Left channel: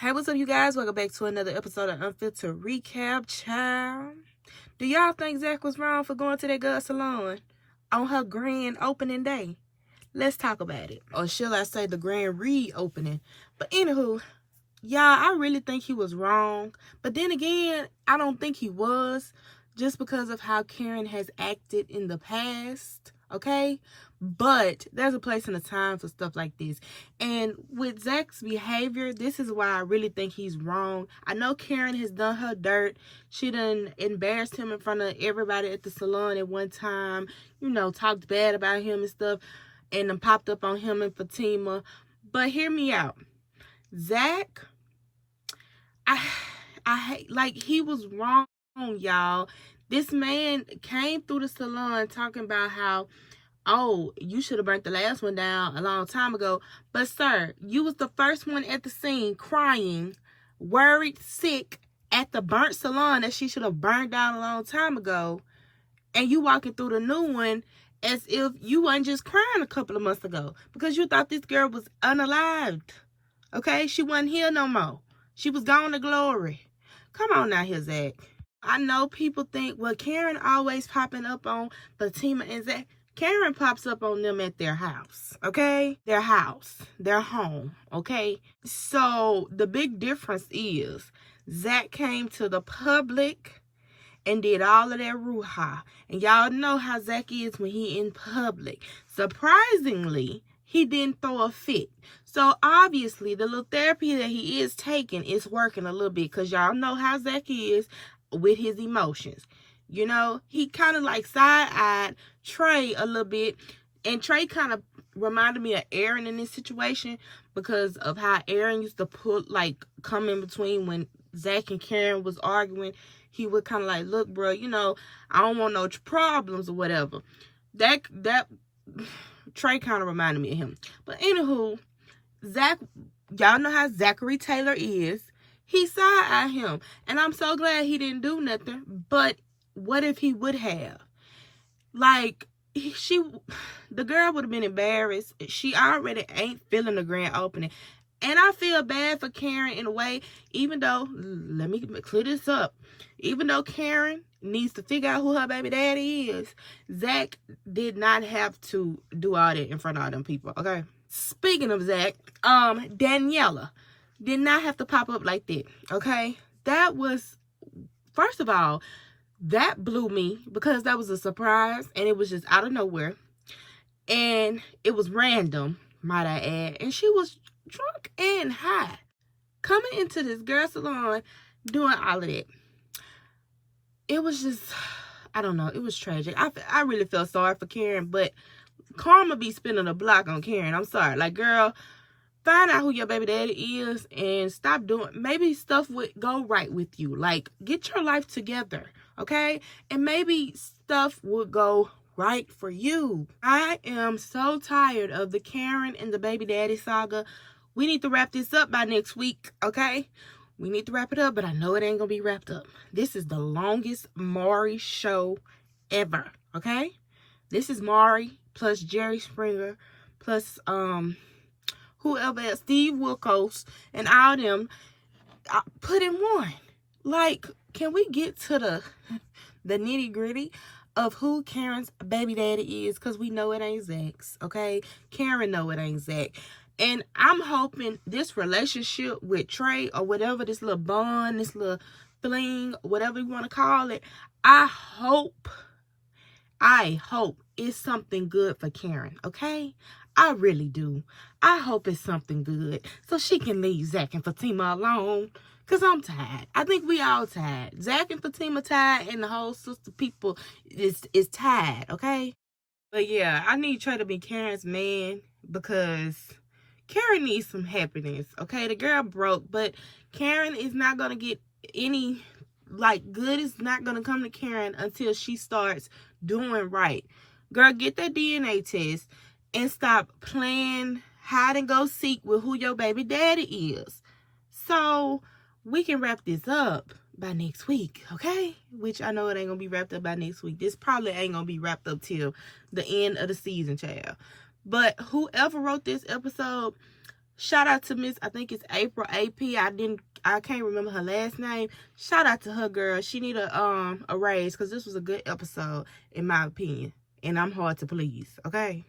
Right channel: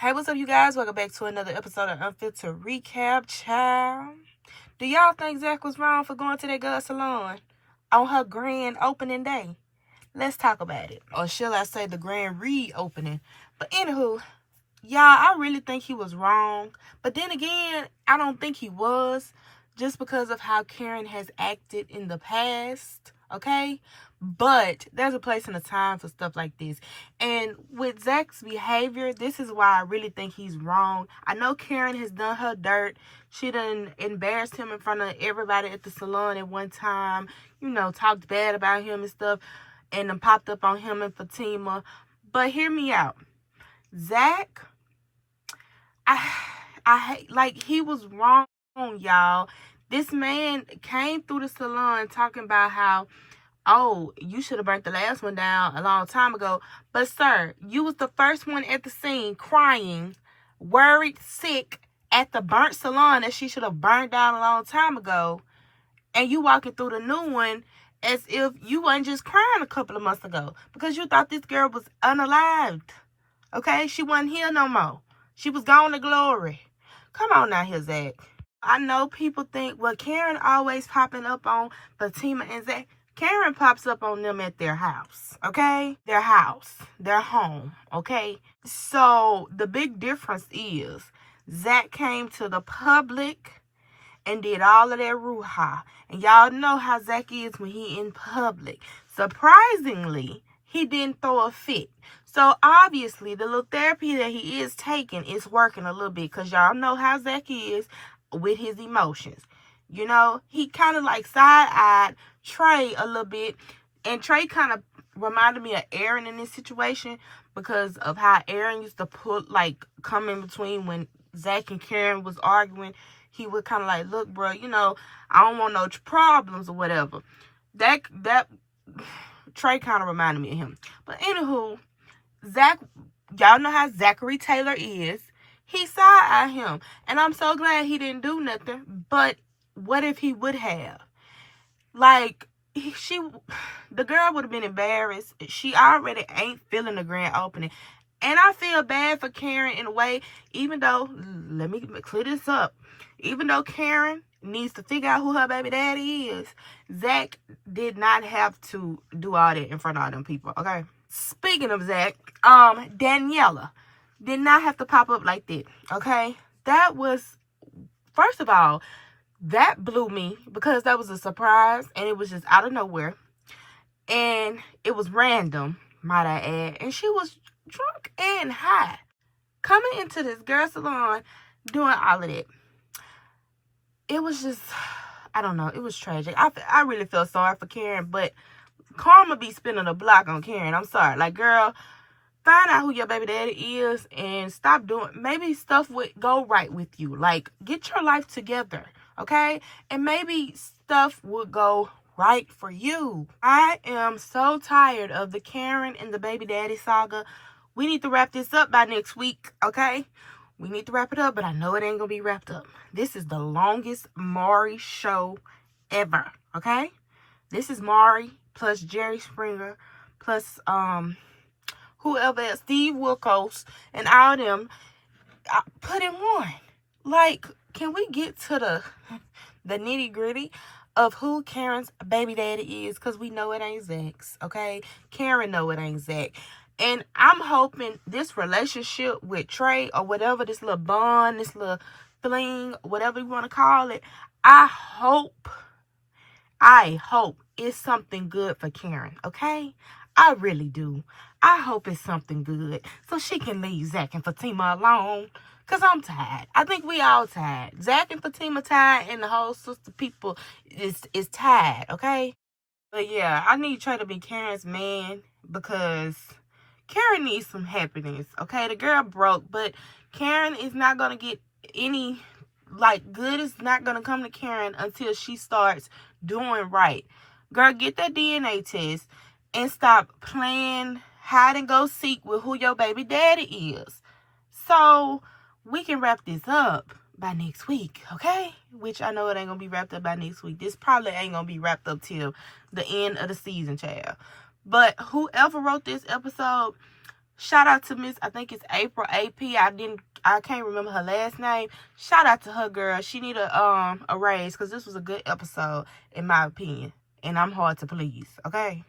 Hey, what's up, you guys? Welcome back to another episode of Unfiltered Recap, child. Do y'all think Zach was wrong for going to that girl salon on her grand opening day? Let's talk about it. Or shall I say the grand reopening? But anywho, y'all, I really think he was wrong. But then again, I don't think he was, just because of how Karen has acted in the past, okay? But there's a place and a time for stuff like this. And with Zach's behavior, this is why I really think he's wrong. I know Karen has done her dirt. She done embarrassed him in front of everybody at the salon at one time. You know, talked bad about him and stuff. And then popped up on him and Fatima. But hear me out. Zach, he was wrong, y'all. This man came through the salon talking about how, oh, you should have burnt the last one down a long time ago. But, sir, you was the first one at the scene crying, worried, sick at the burnt salon that she should have burned down a long time ago. And you walking through the new one as if you wasn't just crying a couple of months ago because you thought this girl was unalived. Okay? She wasn't here no more. She was gone to glory. Come on now here, Zach. I know people think, well, Karen always popping up on Fatima and Zach. Karen pops up on them at their house, okay? Their house, their home, okay? So the big difference is Zach came to the public and did all of that ruha. And y'all know how Zach is when he in public. Surprisingly, he didn't throw a fit. So obviously, the little therapy that he is taking is working a little bit, because y'all know how Zach is with his emotions. You know, he kind of like side-eyed Trey a little bit. And Trey kind of reminded me of Aaron in this situation, because of how Aaron used to come in between when Zach and Karen was arguing. He would kind of like, look, bro, you know, I don't want no problems or whatever. That Trey kind of reminded me of him. But anywho, Zach, y'all know how Zachary Taylor is. He side-eyed him. And I'm so glad he didn't do nothing. But what if he would have? Like, the girl would have been embarrassed. She already ain't feeling the grand opening. And I feel bad for Karen in a way, even though, let me clear this up. Even though Karen needs to figure out who her baby daddy is, Zach did not have to do all that in front of all them people, okay? Speaking of Zach, Daniela did not have to pop up like that, okay? That was, first of all, that blew me, because that was a surprise, and it was just out of nowhere. And it was random, might I add. And she was drunk and high, coming into this girl salon, doing all of that. It was just, I don't know, it was tragic. I really felt sorry for Karen, but karma be spinning a block on Karen. I'm sorry. Like, girl, find out who your baby daddy is and stop doing, maybe stuff would go right with you. Like, get your life together, okay? And maybe stuff would go right for you. I am so tired of the Karen and the baby daddy saga. We need to wrap this up by next week, okay? We need to wrap it up, but I know it ain't gonna be wrapped up. This is the longest Maury show ever, okay? This is Maury plus Jerry Springer plus whoever else, Steve Wilkos, and all them put in one. Like, can we get to the nitty gritty of who Karen's baby daddy is? Because we know it ain't Zach's, okay? Karen know it ain't Zach. And I'm hoping this relationship with Trey, or whatever, this little bond, this little fling, whatever you want to call it, I hope it's something good for Karen, okay? I really do. I hope it's something good, so she can leave Zach and Fatima alone, because I'm tired. I think we all tired. Zach and Fatima tired, and the whole sister people is tired, okay? But yeah, I need Trey to be Karen's man, because Karen needs some happiness, okay? The girl broke, but Karen is not going to get any, good is not going to come to Karen until she starts doing right. Girl, get that DNA test and stop playing hide and go seek with who your baby daddy is. So we can wrap this up by next week, okay? Which I know it ain't going to be wrapped up by next week. This probably ain't going to be wrapped up till the end of the season, child. But whoever wrote this episode, Shout out to Miss, I think it's April AP. I can't remember her last name. Shout out to her, girl. She need a raise, because this was a good episode, in my opinion. And I'm hard to please, okay?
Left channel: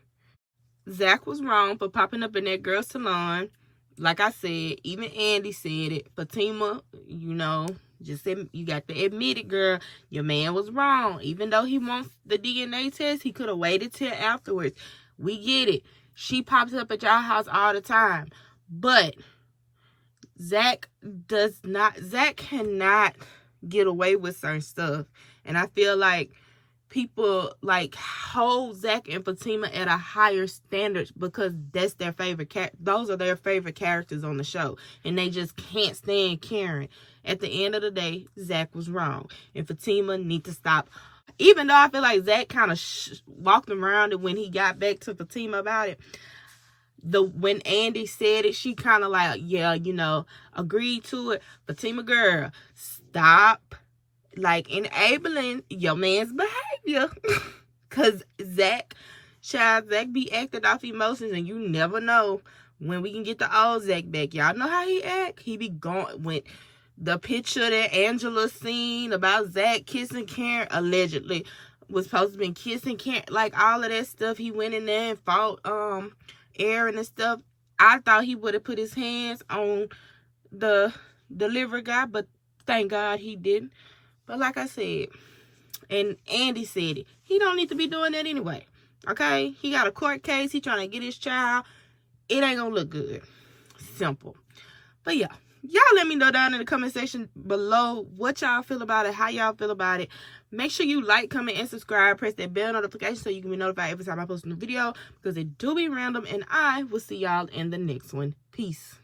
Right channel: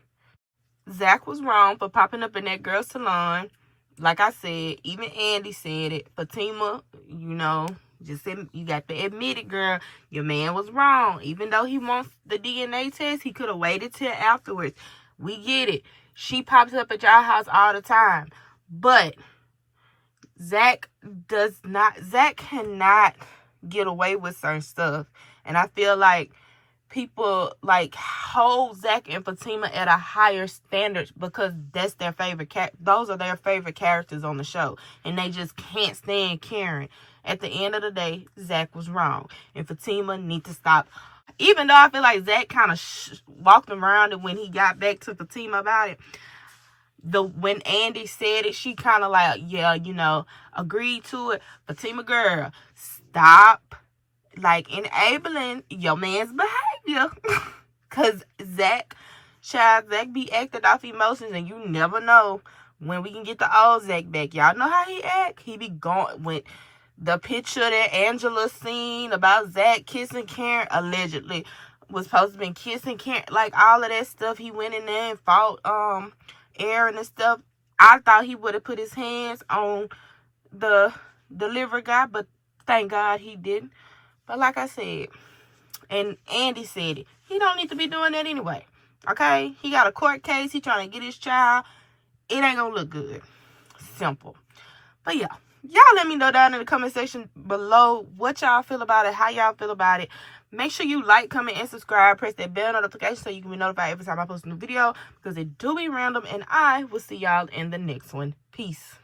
Zach was wrong for popping up in that girl's salon. Like I said, even Andy said it. Fatima, you know, just said, you got to admit it, girl. Your man was wrong. Even though he wants the DNA test, he could have waited till afterwards. We get it. She pops up at y'all house all the time. But Zach cannot get away with certain stuff. And I feel like people like hold Zach and Fatima at a higher standard because that's their favorite those are their favorite characters on the show, and they just can't stand Karen. At the end of the day, Zach was wrong, and Fatima need to stop. Even though I feel like Zach kind of walked around it when he got back to Fatima about it. When Andy said it, she kind of like, yeah, you know, agreed to it. Fatima, girl, stop like enabling your man's behavior. Cause Zach be acting off emotions, and you never know when we can get the old Zach back. Y'all know how he act. He be going with the picture that Angela seen about Zach kissing Karen, allegedly was supposed to be kissing Karen, like all of that stuff. He went in there and fought Aaron and stuff. I thought he would have put his hands on the delivery guy, but thank God he didn't. But like I said, and Andy said it, he don't need to be doing that anyway. Okay? He got a court case. He trying to get his child. It ain't gonna look good. Simple. But yeah, y'all let me know down in the comment section below what y'all feel about it, how y'all feel about it. Make sure you like, comment, and subscribe. Press that bell notification so you can be notified every time I post a new video, because it do be random. And I will see y'all in the next one. Peace.